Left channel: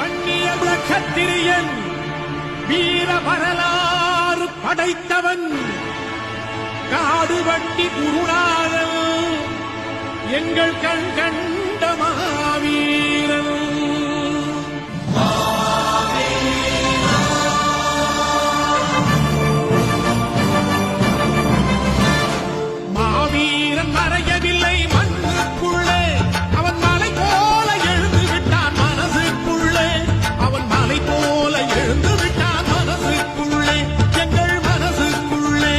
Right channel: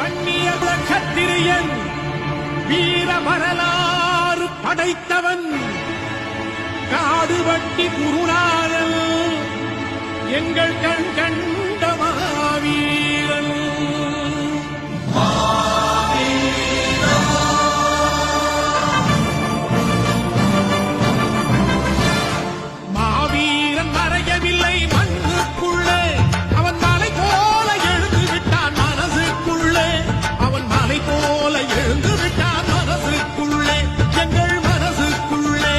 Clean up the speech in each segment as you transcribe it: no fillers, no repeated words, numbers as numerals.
பண்ணிய கத்திரியன் வீர வரலாறு படைத்தவன் காடுவட்டி குருநாதன் எங்கள் கண் கண்ட மாவீரன். மாவீரன் மறையவில்லை மண்ணுக்குள்ளே, அவன் மலை போல எழுந்து விட்டான் மனசுக்குள்ளே, அவன் மலை போல எழுந்து விட்டான் மனசுக்குள்ளே, எங்கள் மனசுக்குள்ளே.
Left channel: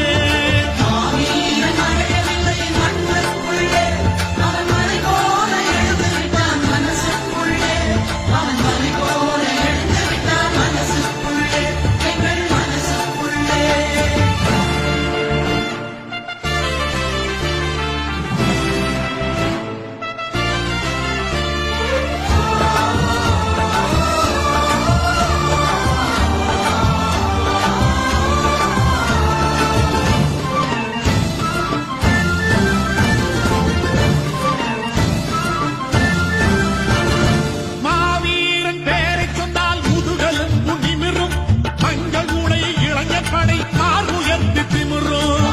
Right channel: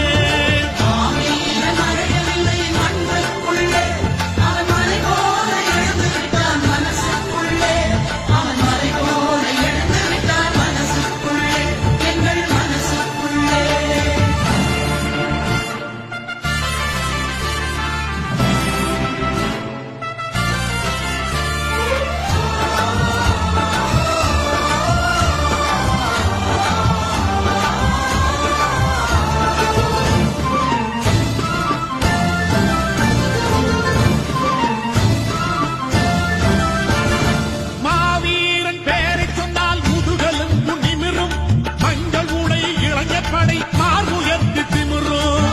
மஞ்சள் உடை இளைஞப்படை மார் உயர்த்தி திமிரும்.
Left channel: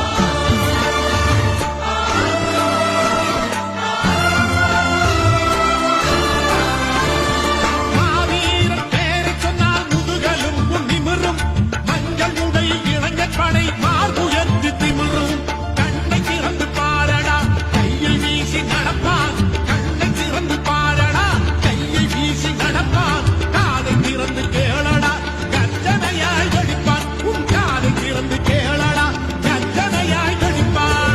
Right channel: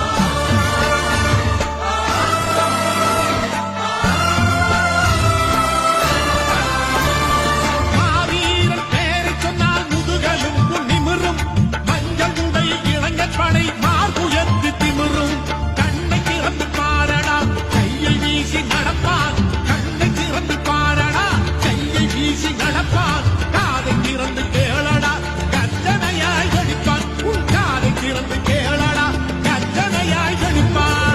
மாவீரர் பேரை சொன்னால் முதுகலும் நிமிரும். மஞ்சள் உடை இளைஞப்படை மார் உயர்த்தி திமிரும். கண்ணை திறந்து பாரடா கையை வீசி நடப்பான், கண்ணை திறந்து பாரடா கையை வீசி நடப்பான். காதை திறந்து கேளடா கர்ஜனையாய் வெடிப்பான், உன் காதை திறந்து கேளடா கர்ஜனையாய் வெடிப்பான்.